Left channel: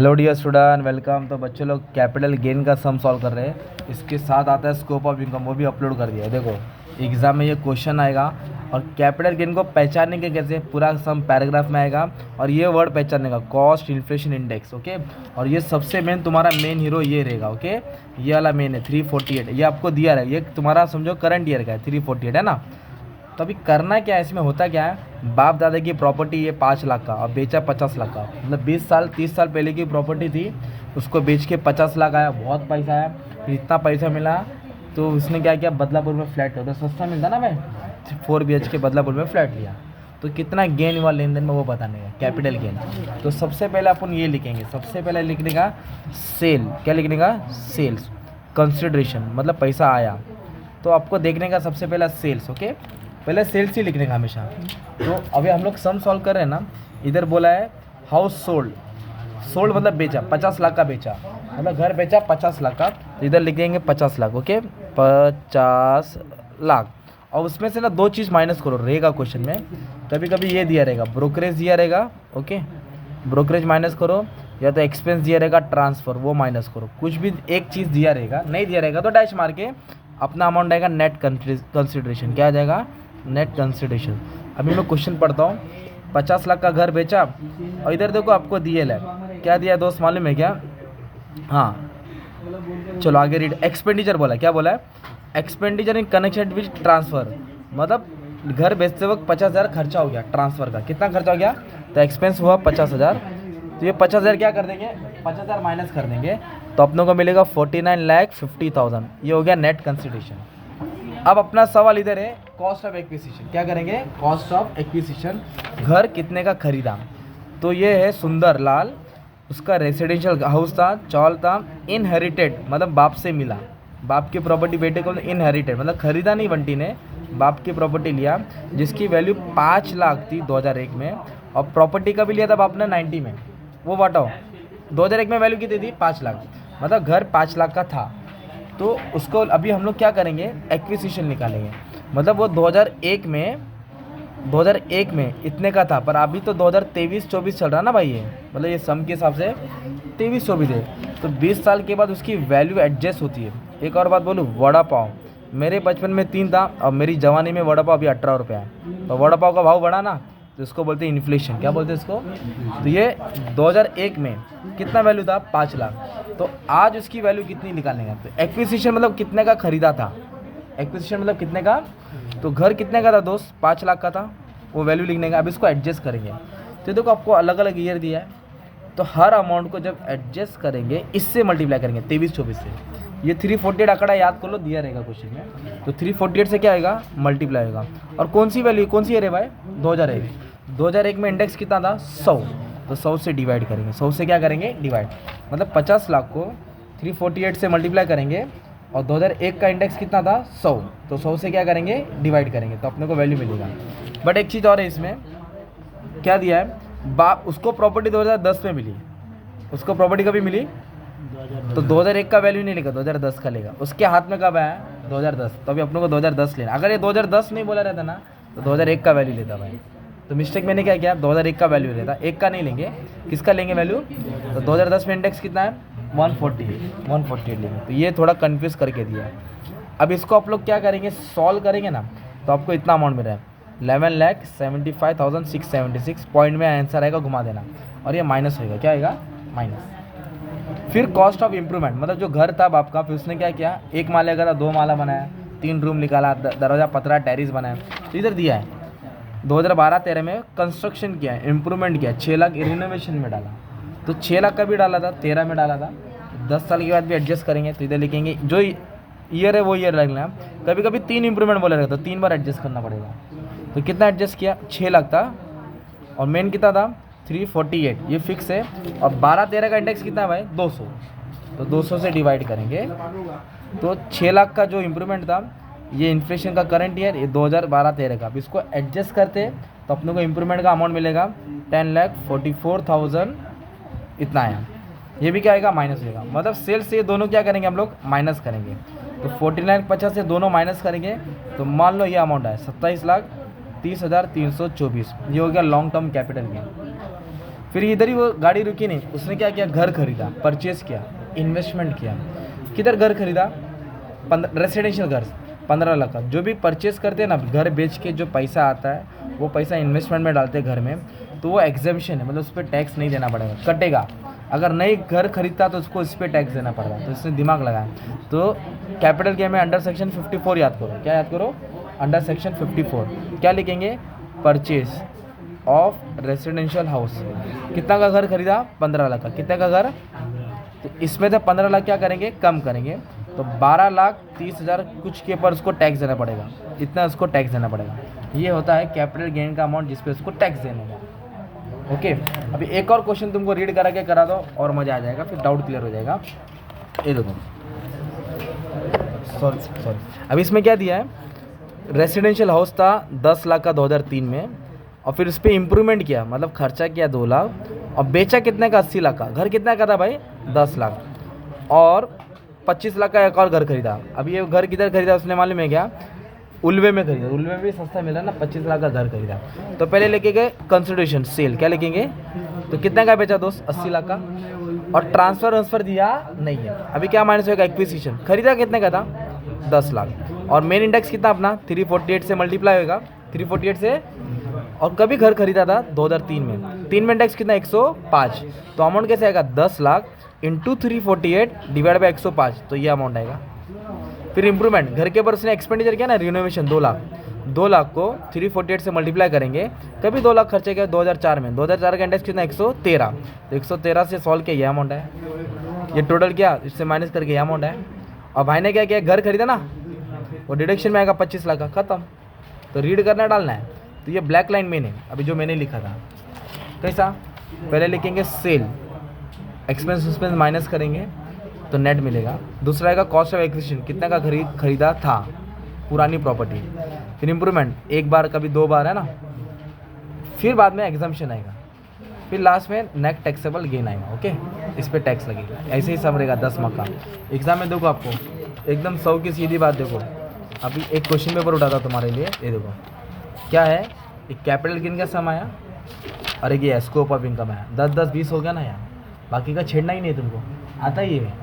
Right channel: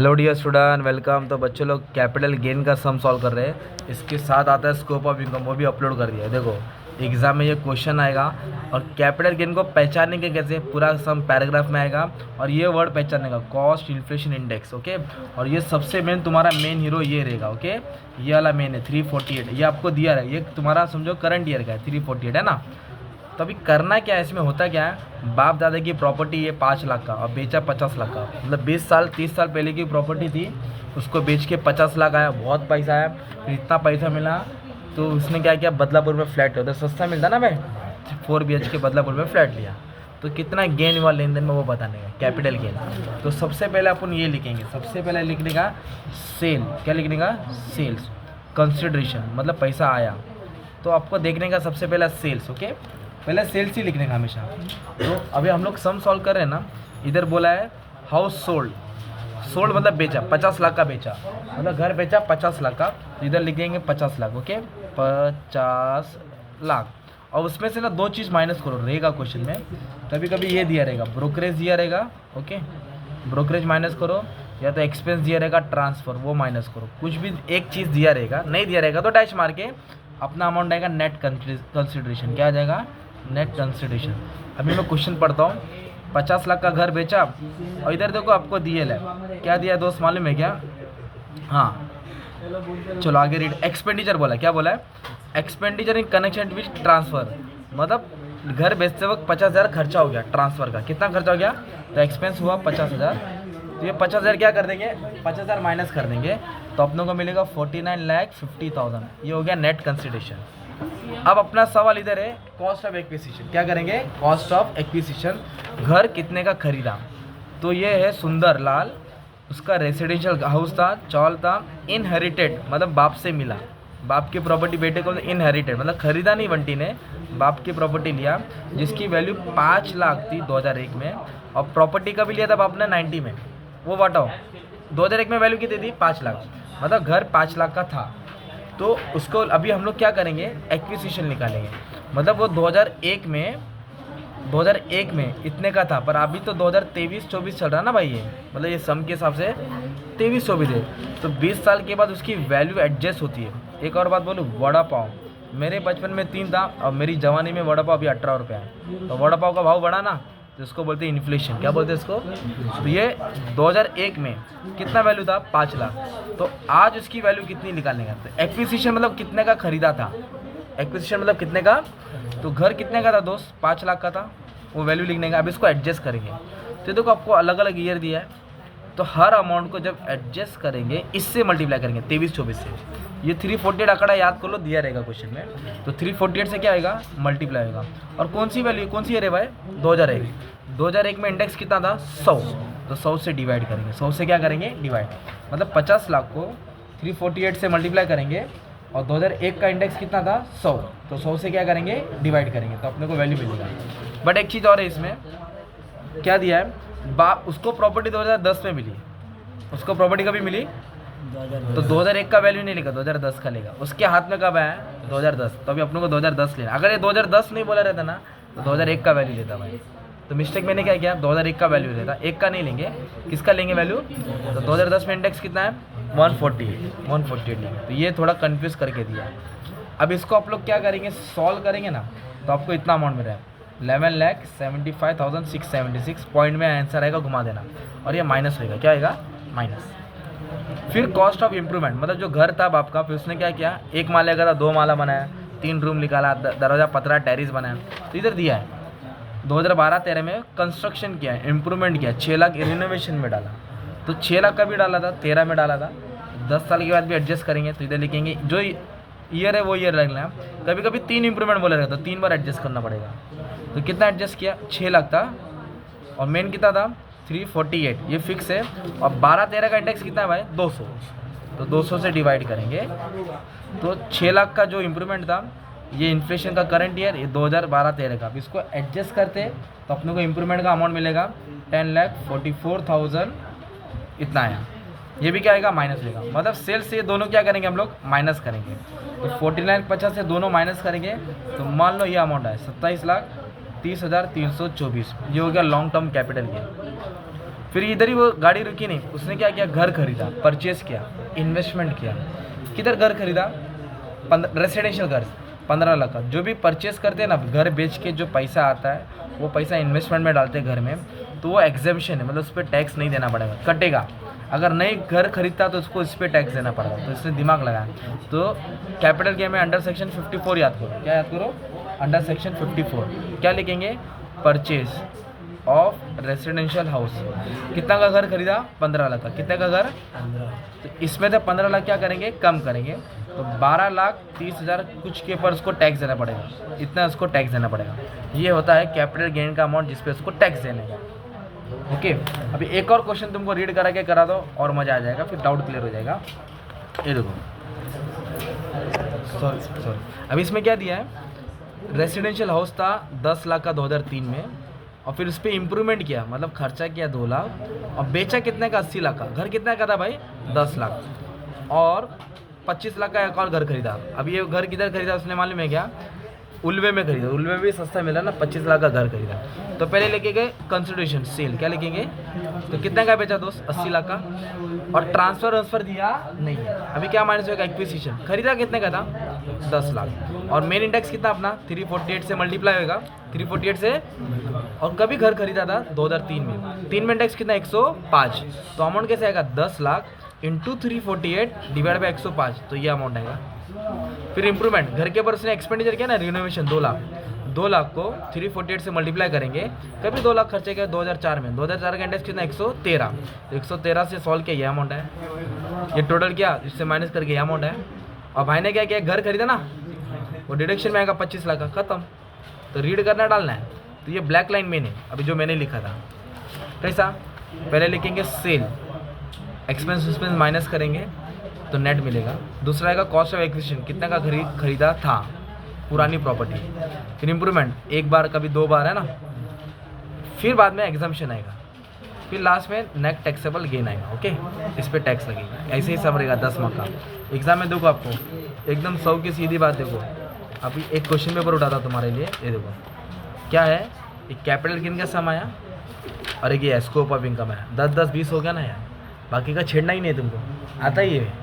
Hello dear student, welcome. तो बच्चे लोग कैपिटल गेन का सम सॉल्व कर रहे हैं। इसके साथ आता है स्कोप ऑफ इनकम, वो भी अपलोड कर दिया है। देखो एग्जाम में ये क्वेश्चन आएगा और कैपिटल गेन को पहचानने के कैसे पूरा सम पैराग्राफ में आएगा और ये वर्ड पहचानने का कॉस्ट इन्फ्लेशन इंडेक्स। ओके, और ये सबसे मेन तुम्हारा मेन हीरो ये रहेगा। ओके, ये वाला मेन है 348, ये आपको दिया है। ये तुम्हारा समझो करंट ईयर का है, 348 है ना। तो अभी करना क्या है, इसमें होता क्या है, बाप दादा की प्रॉपर्टी ये 5 लाख का और बेचा 50 लाख का, मतलब 20 साल 30 साल पहले की प्रॉपर्टी थी, उसको बेच के 50 लाख आया, बहुत पैसा आया। फिर इतना पैसा मिला तो उसने क्या किया, बदलापुर में फ्लैट लिया। तो सस्ता मिलता ना भाई, 4 BHK बदलापुर में फ्लैट लिया। तो कितना गेन हुआ लेन देन में वो बताने का, कैपिटल गेन। तो सबसे पहले अपन ये लिखेंगे, सबसे पहले लिखने का सेल, क्या लिखने का, सेल्स कंसिडरेशन, मतलब पैसा आया। तो आपको देखने का सबसे पहला सेल्स। ओके, पहले सेल्स ही लिखने का हमेशा। तो अभी हम लोग सम सॉल्व कर रहे हैं ना, इधर बोला है हाउस सोल्ड, सोल्ड मतलब बेचा, 50 लाख का बेचा, मतलब घर बेचा 50 लाख का। तो इधर लिख देंगे 50 लाख। ओके, 50 लाख। और उसमें से ना 2 चीज़ माइनस करो रहेगा क्वेश्चन में। कभी कभी ये दिया रहेगा, ब्रोकरेज दिया रहेगा। ओके, ब्रोकरेज माइनस करो, या तो एक्सपेंस दिया रहेगा ट्रांसफ़र, वो माइनस करो। कुछ भी एक चीज़ दिया रहेगा, नहीं दिया रहेगा तो डैश मार के अपना अमाउंट आएगा नेट कंसिडरेशन। क्या आ जाएगा, नेट कंसिडरेशन। अभी मैं क्वेश्चन पढ़ता हूँ। 50 लाख का घर बेचा और इधर देखो आपको दिए है, क्या दिया है दोस्त मालूम है क्या? हाँ, चलो आगे रीड। एक्सपेंडिचर बोला, क्या बोला है, expenditure in connection with transfer, मतलब घर बेचते वक्त 50,000 खर्चा हो गया ट्रांसफ़र का। कितना खर्चा हो गया, तो एक्सपेंस हुआ 50,000। तो ये 50,000 क्या कर देंगे, 50,000 माइनस कर देंगे, तो अपनों को मिलेगा 49,50,000। ये हो गया नेट कंसिडरेशन। अब अपना सवाल इधर है कॉस्ट ऑफ एक्विजिशन। क्या करेंगे, कॉस्ट ऑफ एक्विजिशन, घर कितने का खरीदा। तो ये है सुंदर लाल, उसका रेसिडेंशियल हाउस था, चौल था, इनहेरिटेड मतलब बाप से मिला, बाप की प्रॉपर्टी बेटे को इनहेरिटेड, मतलब खरीदा नहीं, बंटी ने बाप की प्रॉपर्टी लिया जिसकी वैल्यू 5 लाख थी 2001 में, और प्रॉपर्टी का भी लिया था बाप ने 90 में। वो बताओ 2001 में वैल्यू कितनी थी, 5 लाख, मतलब घर 5 लाख का था। तो उसको अभी हम लोग क्या करेंगे, एक्विजिशन निकालेंगे। मतलब वो 2001 में इतने का था, पर अभी तो 2023-24 चल रहा ना भाई, ये मतलब ये सम के हिसाब से 23-24 है। तो 20 साल के बाद उसकी वैल्यू एडजस्ट होती है। एक और बात बोलूँ, वड़ा पाव मेरे बचपन में 3 था और मेरी जवानी में वड़ा पाव अभी 18 रुपये है। तो वड़ा पाव का भाव बढ़ा ना, तो इसको बोलते हैं इन्फ्लेशन। क्या बोलते हैं इसको? तो ये 2001 में कितना वैल्यू था, 5 लाख। तो आज उसकी वैल्यू कितनी निकालने का, तो एक्विजिशन मतलब कितने का खरीदा था, एक्विजिशन मतलब कितने का, तो घर कितने का था दोस्त, 5 लाख का था, वो वैल्यू लिखने का। अब इसको एडजस्ट करेंगे। तो देखो आपको अलग अलग ईयर दिया है, तो हर अमाउंट को जब एडजस्ट करेंगे इससे मल्टीप्लाई करेंगे 23-24 से। ये 348 आंकड़ा याद कर लो, दिया रहेगा क्वेश्चन में। तो 348 से क्या आएगा, मल्टीप्लाई आएगा। और कौन सी वैल्यू, कौन सी ईयर है भाई, 2001। 2001 में इंडेक्स कितना था, 100। तो 100 से डिवाइड करेंगे, 100 से क्या करेंगे, डिवाइड। मतलब 50 लाख को 348 से मल्टीप्लाई करेंगे, और 2001 का इंडेक्स कितना था, 100। तो 100 से क्या करेंगे, डिवाइड करेंगे, तो अपने को वैल्यू मिलेगा। बट एक चीज़ और है इसमें, क्या दिया है, बाप उसको प्रॉपर्टी 2010 में मिली, उसको प्रॉपर्टी कभी मिली, तो 2001 का वैल्यू नहीं लेगा, 2010 का लेगा। उसके हाथ में कब आया, 2010। तो अभी अपने को 2010 लेना। अगर ये 2010 नहीं बोला रहता ना, तो 2001 का वैल्यू लेता भाई। तो मिस्टेक मैंने क्या किया, 2001 का वैल्यू लेता, एक का नहीं लेंगे। किसका लेंगे वैल्यू, तो 2010 में इंडेक्स कितना है, 148 लेंगे। तो ये थोड़ा कन्फ्यूज़ करके दिया है। अब इसको आप लोग क्या करेंगे, सॉल्व करेंगे ना, तो आपको इतना अमाउंट मिल रहा है 11,75,676। पॉइंट में आंसर आएगा, घुमा देना, और ये माइनस होएगा, क्या आएगा, माइनस। फिर कॉस्ट ऑफ इम्प्रूवमेंट, मतलब जो घर था बाप का, फिर उसने क्या किया, 1 माले का था 2 माला बनाया, 3 रूम निकाला, दरवाज़ा पतरा टेरिस बनाया। तो इधर दिया है 2012-13 में कंस्ट्रक्शन किया, इम्प्रूवमेंट किया, 6 लाख रिनोवेशन में डाला। तो 6 लाख का भी डाला था, 13 में डाला था। 10 साल के बाद भी एडजस्ट करेंगे, तो इधर लिखेंगे जो ईयर है वो ईयर लगना। कभी कभी 3 इंप्रूवमेंट बोला रहता, तो 3 बार एडजस्ट करना पड़ेगा। तो कितना एडजस्ट किया, 6 लाख था, और मेन कितना था, 348, ये फिक्स है। और 12-13 का इंडेक्स कितना है भाई, 200। तो 200 से डिवाइड करेंगे, तो 6 लाख का जो इम्प्रूवमेंट था, ये इन्फ्लेशन का करंट ईयर, ये 2012-13 का। अब इसको एडजस्ट करते तो अपने को इम्प्रूवमेंट का अमाउंट मिलेगा 10,44,000, इतना आया। ये भी क्या आएगा, माइनस लेगा। मतलब सेल्स से ये दोनों क्या करेंगे, हम लोग माइनस करेंगे। तो 49,50 से दोनों माइनस करेंगे, तो मान लो ये अमाउंट है 27,30,324। ये हो गया लॉन्ग टर्म कैपिटल गेन। फिर इधर ही वो गाड़ी रुकी नहीं, उसने क्या किया, घर खरीदा, परचेस किया, इन्वेस्टमेंट किया। किधर घर खरीदा, रेसिडेंशियल घर, 15 लाख का। जो भी परचेस करते हैं ना, घर बेच के जो पैसा आता है वो पैसा इन्वेस्टमेंट में डालते हैं घर में, तो वो एग्जेम्पशन है, मतलब उस पर टैक्स नहीं देना पड़ेगा, कटेगा। अगर नई घर खरीदता तो उसको इस पर टैक्स देना पड़ेगा, तो इससे दिमाग लगाए। तो कैपिटल गेन में अंडर सेक्शन 54 याद करो, क्या याद करो, अंडर सेक्शन 54 क्या लिखेंगे, परचेज ऑफ रेसिडेंशियल हाउस। कितना का घर खरीदा, 15 लाख का। कितने का घर, तो इसमें से 15 लाख क्या करेंगे, कम करेंगे, तो 12,30,000 कुछ के ऊपर उसको टैक्स देना पड़ेगा, इतना उसको टैक्स देना पड़ेगा। ये होता है कैपिटल गेन का अमाउंट जिस पे उसको टैक्स देने का। ओके, अभी एक और क्वेश्चन तुमको रीड करा के करा दो और मज़ा आ जाएगा, फिर डाउट क्लियर हो जाएगा। ये देखो, सॉरी, अभी इसमें क्या दिया है, रेसिडेंशियल हाउस था 10 लाख का 2003 में, और फिर उस पर इम्प्रूवमेंट किया, मतलब खर्चा किया 2 लाख, और बेचा कितने का, 80 लाख का। घर कितने का था भाई, 10 लाख, और 25 लाख का एक और घर खरीदा। अब ये घर किधर खरीदा उसने मालूम है क्या, उल्वे में खरीदा, उल्वे में भी सस्ता मिला ना, 25 लाख का घर खरीदा। तो पहले लेके गए कंसिडरेशन सेल, क्या लिखेंगे, तो कितने का बेचा दोस्त, 80 लाख का, और ट्रांसफ़र दिया नहीं है। अभी क्या माइनस होगा, एक्विजिशन, खरीदा कितने का था, 10 लाख, और मेन इंडेक्स कितना अपना 348 से मल्टीप्लाई होगा, 348 से, और कभी घर खरीदा था 2003 में, 3 में इंडेक्स कितना 105, तो अमाउंट कैसे आएगा, 10 लाख इंटू 348 डिवाइड बाई 105, तो ये अमाउंट आएगा। फिर इंप्रूवमेंट, घर के ऊपर उसने एक्सपेंडिचर किया ना, रिनोवेशन 2 लाख, 2 लाख को 348 से मल्टीप्लाई करेंगे, कभी 2 लाख खर्चे किया 2004 में, 2004 का इंडेक्स कितना 113, तो 113 से सॉल्व किया, ये अमाउंट है। ये टोटल किया, इससे माइनस करके ये अमाउंट है। और भाई ने क्या किया, घर खरीदा ना, वो डिडक्शन में आएगा 25 लाख का, खत्म। तो रीड करना डालना है, तो ये ब्लैक लाइन में नहीं, अभी जो मैंने लिखा था कैसा, पहले लिखेंगे सेल, एक्सपेंस माइनस करेंगे तो नेट मिलेगा। दूसरा आएगा कॉस्ट ऑफ एक्विजिशन, कितने का खरीदा था, पुरानी प्रॉपर्टी। फिर इंप्रूवमेंट, एक बार कभी 2 बार है ना, फिर बाद में एग्जाम्पशन आएगा, फिर लास्ट में नेट टैक्सेबल गेन आएगा। ओके, इस पर टैक्स लगेगा, ऐसे ही सब रहेगा 10 मार्क का। एग्जाम में देखो आपको एकदम 100 की सीधी बात, देखो अभी एक क्वेश्चन पेपर उठा था तुम्हारे लिए, ये देखो क्या है, एक कैपिटल गेन का सम आया और एक ये स्कोप ऑफ इनकम आया, 10-10 20 हो गया ना यार, बाकी का छेड़ना ही नहीं है तुमको, आता ही है।